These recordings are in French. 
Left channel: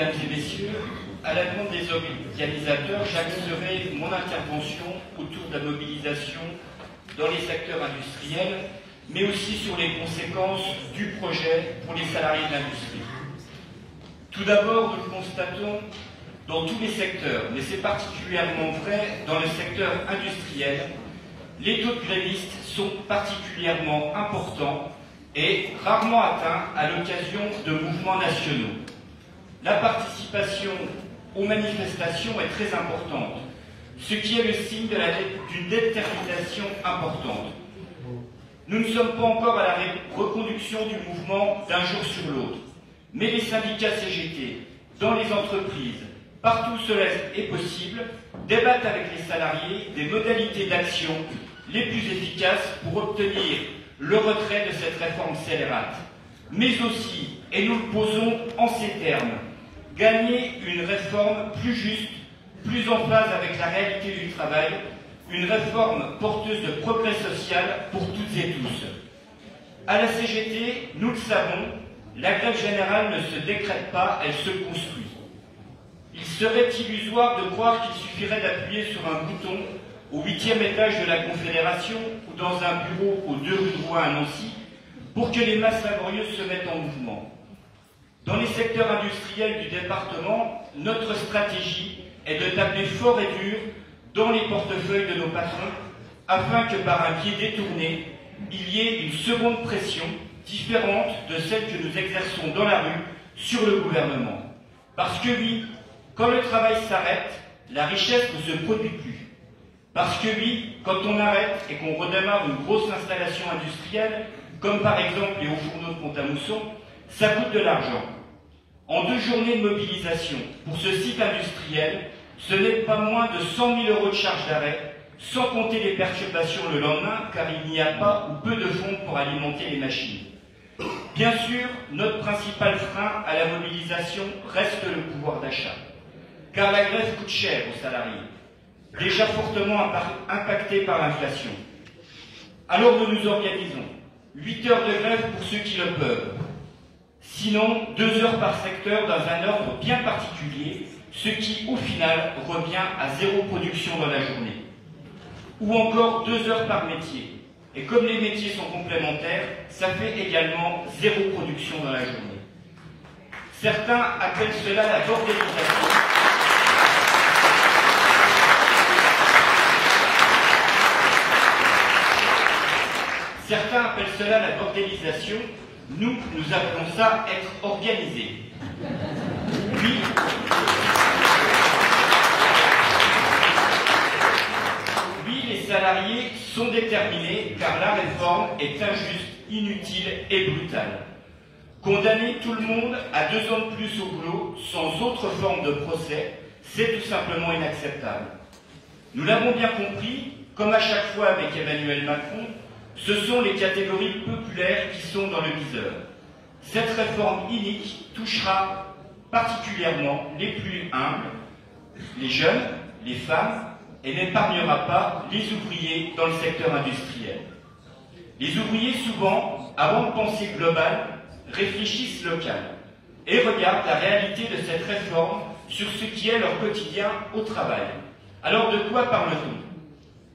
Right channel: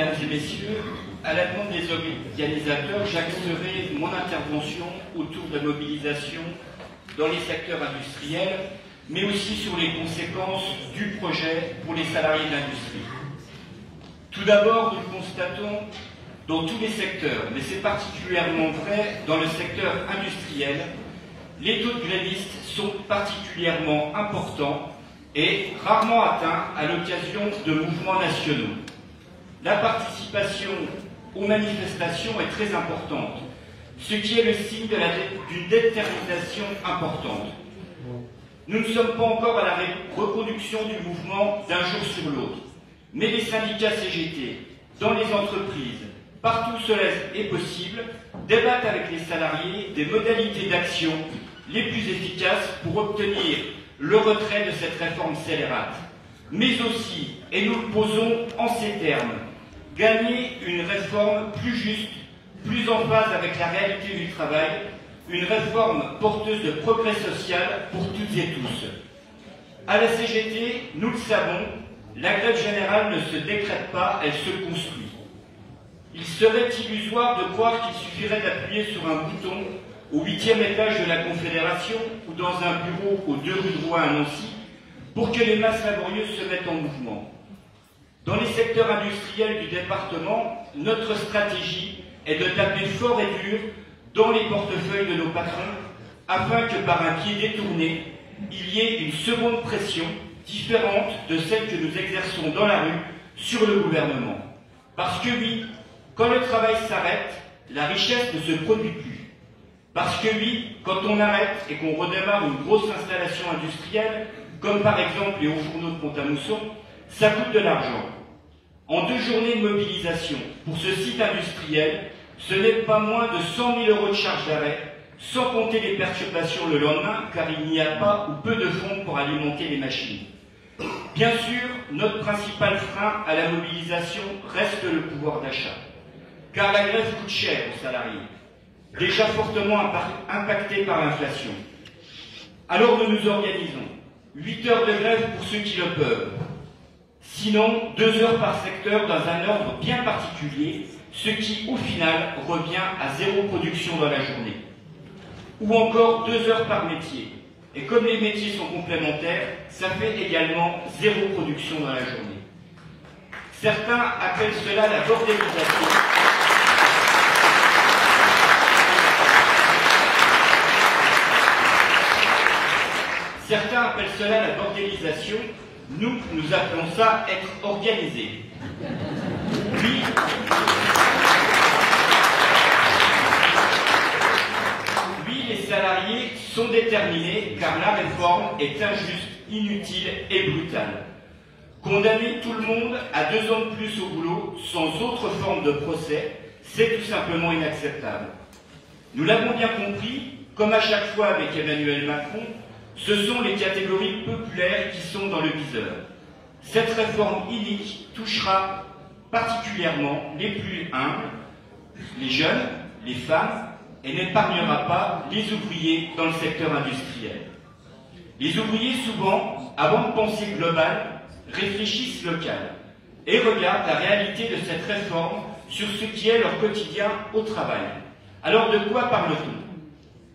Mesdames et Messieurs, à la demande des organisateurs, j'axerai mon intervention autour de la mobilisation dans les secteurs industriels, mais aussi sur les conséquences du projet pour les salariés de l'industrie. Tout d'abord, nous constatons dans tous les secteurs, mais c'est particulièrement vrai dans le secteur industriel, les taux de grévistes sont particulièrement importants et rarement atteints à l'occasion de mouvements nationaux. La participation aux manifestations est très importante, ce qui est le signe d'une détermination importante. Nous ne sommes pas encore à la reconduction du mouvement d'un jour sur l'autre, mais les syndicats CGT, dans les entreprises, partout où cela est possible, débattent avec les salariés des modalités d'action les plus efficaces pour obtenir le retrait de cette réforme scélérate. Mais aussi, et nous le posons en ces termes, gagner une réforme plus juste, plus en phase avec la réalité du travail, une réforme porteuse de progrès social pour toutes et tous. À la CGT, nous le savons, la grève générale ne se décrète pas, elle se construit. Il serait illusoire de croire qu'il suffirait d'appuyer sur un bouton au 8e étage de la Confédération ou dans un bureau aux 2 rue de Rouen à Nancy pour que les masses laborieuses se mettent en mouvement. Dans les secteurs industriels du département, notre stratégie est de taper fort et dur dans les portefeuilles de nos patrons afin que par un pied détourné, il y ait une seconde pression différente de celle que nous exerçons dans la rue sur le gouvernement. Parce que oui, quand le travail s'arrête, la richesse ne se produit plus. Parce que oui, quand on arrête et qu'on redémarre une grosse installation industrielle, comme par exemple les hauts fourneaux de Pont-à-Mousson, ça coûte de l'argent. En 2 journées de mobilisation pour ce site industriel, ce n'est pas moins de 100 000 € de charges d'arrêt, sans compter les perturbations le lendemain, car il n'y a pas ou peu de fonds pour alimenter les machines. Bien sûr, notre principal frein à la mobilisation reste le pouvoir d'achat, car la grève coûte cher aux salariés, déjà fortement impactés par l'inflation. Alors nous nous organisons. 8 heures de grève pour ceux qui le peuvent. Sinon, 2 heures par secteur dans un ordre bien particulier, ce qui, au final, revient à 0 production dans la journée. Ou encore 2 heures par métier. Et comme les métiers sont complémentaires, ça fait également 0 production dans la journée. Certains appellent cela la bordélisation. Certains appellent cela la bordélisation. Nous, nous appelons ça être organisé. Oui, les salariés sont déterminés car la réforme est injuste, inutile et brutale. Condamner tout le monde à 2 ans de plus au boulot sans autre forme de procès, c'est tout simplement inacceptable. Nous l'avons bien compris, comme à chaque fois avec Emmanuel Macron, ce sont les catégories populaires qui sont dans le viseur. Cette réforme inique touchera particulièrement les plus humbles, les jeunes, les femmes, et n'épargnera pas les ouvriers dans le secteur industriel. Les ouvriers, souvent, avant de penser global, réfléchissent local et regardent la réalité de cette réforme sur ce qui est leur quotidien au travail. Alors de quoi parle-t-on?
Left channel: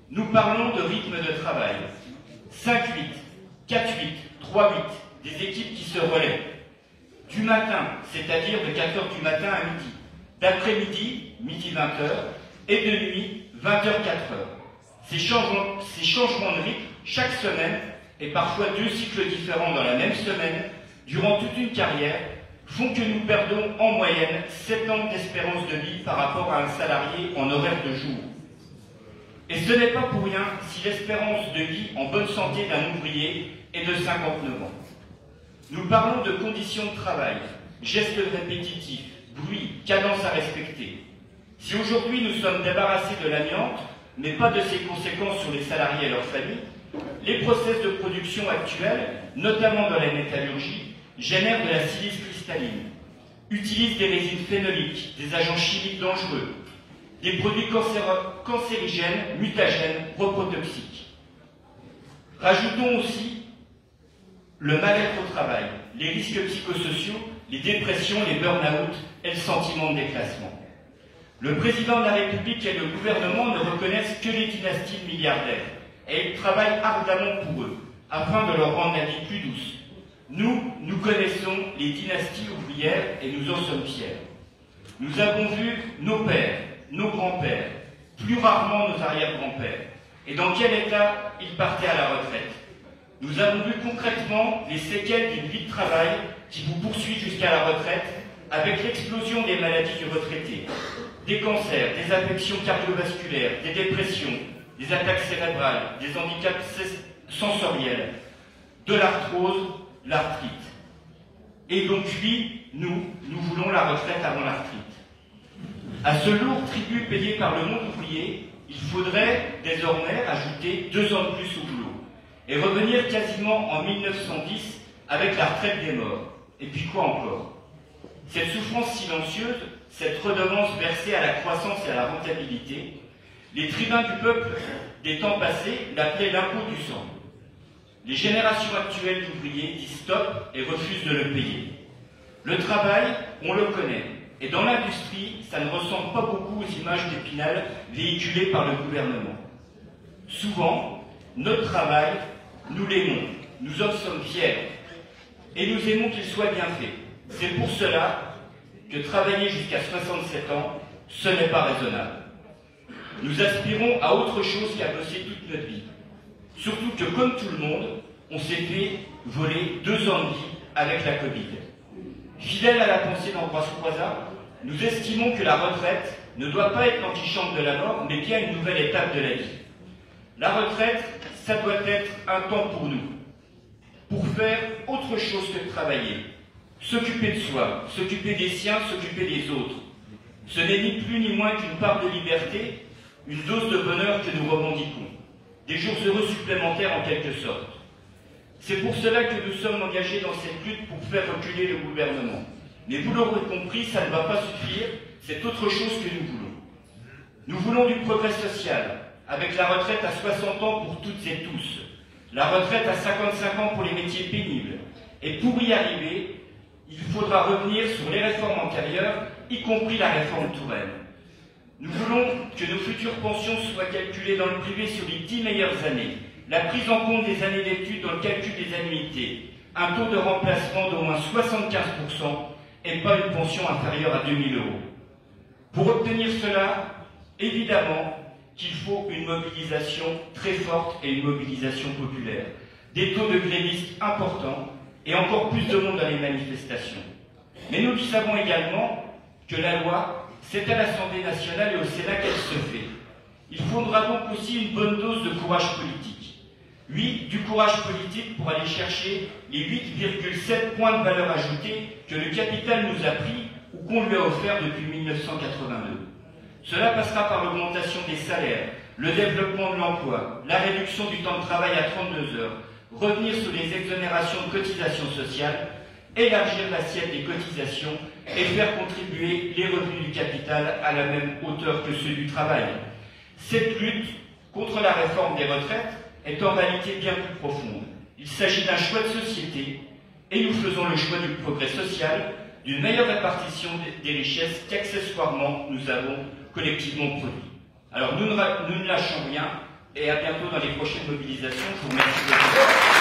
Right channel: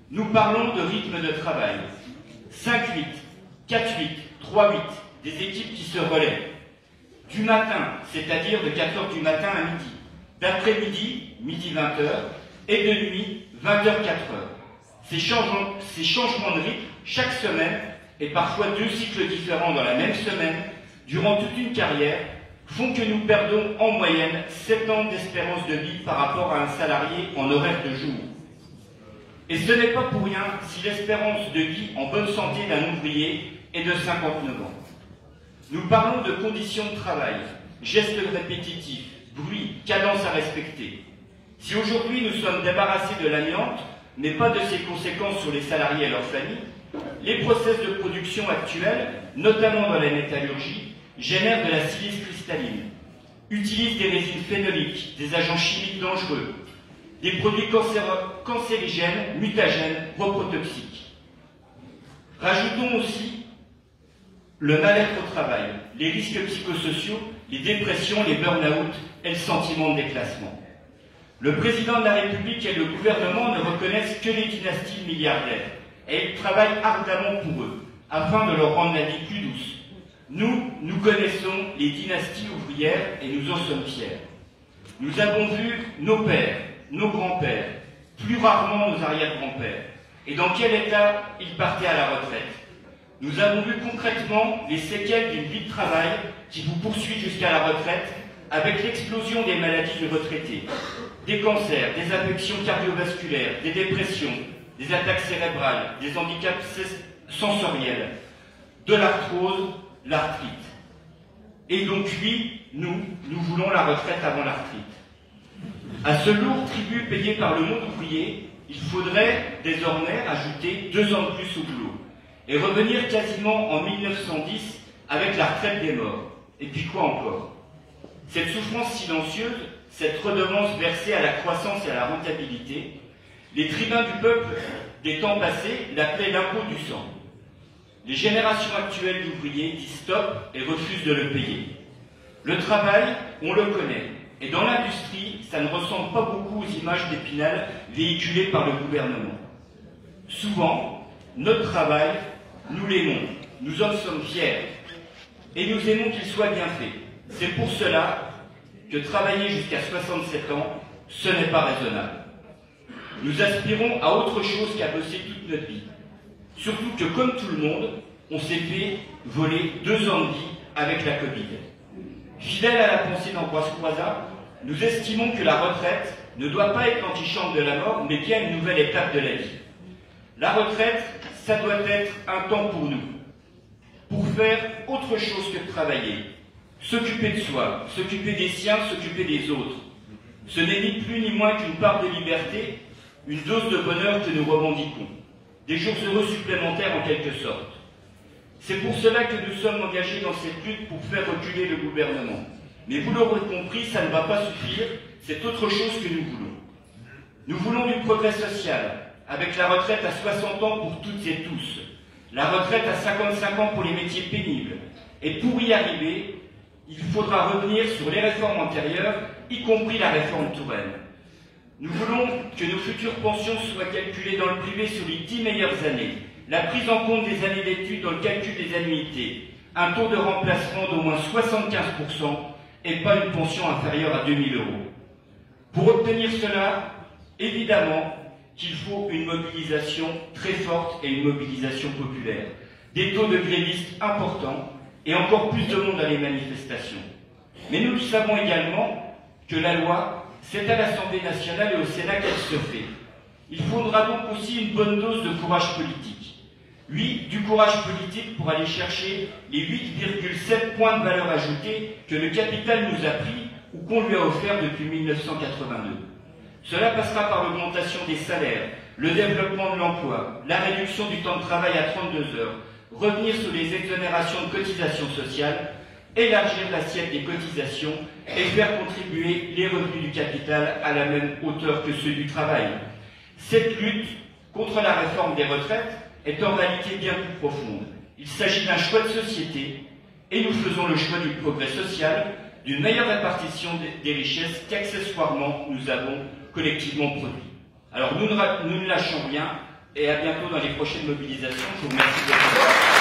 Nous parlons de rythme de travail. 5-8, 4-8, 3-8, des équipes qui se relaient. Du matin, c'est-à-dire de 4 h du matin à midi. D'après-midi, midi 20 h, et de nuit, 20 h 4 h. Ces changements de rythme, chaque semaine, et parfois 2 cycles différents dans la même semaine, durant toute une carrière, font que nous perdons en moyenne 7 ans d'espérance de vie par rapport à un salarié en horaire de jour. Et ce n'est pas pour rien si l'espérance de vie en bonne santé d'un ouvrier est de 59 ans. Nous parlons de conditions de travail, gestes répétitifs, bruit, cadence à respecter. Si aujourd'hui nous sommes débarrassés de l'amiante, mais pas de ses conséquences sur les salariés et leurs familles, les process de production actuels, notamment dans la métallurgie, génèrent de la silice cristalline, utilisent des résines phénoliques, des agents chimiques dangereux, des produits cancérigènes, mutagènes, reprotoxiques. Rajoutons aussi le mal-être au travail, les risques psychosociaux les dépressions, les burn-out et le sentiment de déclassement. Le président de la République et le gouvernement ne reconnaissent que les dynasties milliardaires et ils travaillent ardemment pour eux, afin de leur rendre la vie plus douce. Nous connaissons les dynasties ouvrières et nous en sommes fiers. Nous avons vu nos pères, nos grands-pères, plus rarement nos arrière-grands-pères, et dans quel état ils partaient à la retraite. Nous avons vu concrètement les séquelles d'une vie de travail qui vous poursuit jusqu'à la retraite, avec l'explosion des maladies du retraité, des cancers, des affections cardiovasculaires, des dépressions, des attaques cérébrales, des handicaps sensoriels, de l'arthrose, l'arthrite. Et donc nous voulons la retraite avant l'arthrite. À ce lourd tribut payé par le monde ouvrier, il faudrait désormais ajouter 2 ans de plus au boulot et revenir quasiment en 1910 avec la retraite des morts. Et puis quoi encore? Cette souffrance silencieuse, cette redevance versée à la croissance et à la rentabilité, les tribuns du peuple des temps passés l'appelaient l'impôt du sang. Les générations actuelles d'ouvriers disent stop et refusent de le payer. Le travail, on le connaît, et dans l'industrie, ça ne ressemble pas beaucoup aux images d'Épinal véhiculées par le gouvernement. Souvent, notre travail, nous l'aimons, nous en sommes fiers, et nous aimons qu'il soit bien fait. C'est pour cela que travailler jusqu'à 67 ans, ce n'est pas raisonnable. Nous aspirons à autre chose qu'à bosser toute notre vie. Surtout que, comme tout le monde, on s'est fait voler 2 ans de vie avec la Covid. Fidèle à la pensée d'Ambroise Croizat, nous estimons que la retraite ne doit pas être l'antichambre de la mort, mais bien une nouvelle étape de la vie. La retraite, ça doit être un temps pour nous, pour faire autre chose que de travailler, s'occuper de soi, s'occuper des siens, s'occuper des autres. Ce n'est ni plus ni moins qu'une part de liberté, une dose de bonheur que nous revendiquons, des jours heureux supplémentaires en quelque sorte. C'est pour cela que nous sommes engagés dans cette lutte pour faire reculer le gouvernement. Mais vous l'aurez compris, ça ne va pas suffire, c'est autre chose que nous voulons. Nous voulons du progrès social, avec la retraite à 60 ans pour toutes et tous, la retraite à 55 ans pour les métiers pénibles. Et pour y arriver, il faudra revenir sur les réformes antérieures, y compris la réforme Touraine. Nous voulons que nos futures pensions soient calculées dans le privé sur les 10 meilleures années, la prise en compte des années d'études dans le calcul des annuités, un taux de remplacement d'au moins 75% et pas une pension inférieure à 2 000 €. Pour obtenir cela, évidemment qu'il faut une mobilisation très forte et une mobilisation populaire, des taux de grévistes importants et encore plus de monde dans les manifestations. Mais nous savons également que la loi, c'est à l'Assemblée nationale et au Sénat qu'elle se fait. Il faudra donc aussi une bonne dose de courage politique. Oui, du courage politique pour aller chercher les 8,7 points de valeur ajoutée que le capital nous a pris ou qu'on lui a offert depuis 1982. Cela passera par l'augmentation des salaires, le développement de l'emploi, la réduction du temps de travail à 32 heures, revenir sur les exonérations de cotisations sociales, élargir l'assiette des cotisations et faire contribuer les revenus du capital à la même hauteur que ceux du travail. Cette lutte contre la réforme des retraites est en réalité bien plus profonde. Il s'agit d'un choix de société et nous faisons le choix du progrès social, d'une meilleure répartition des richesses qu'accessoirement nous avons collectivement produit. Alors nous ne lâchons rien et à bientôt dans les prochaines mobilisations. Je vous remercie de votre attention.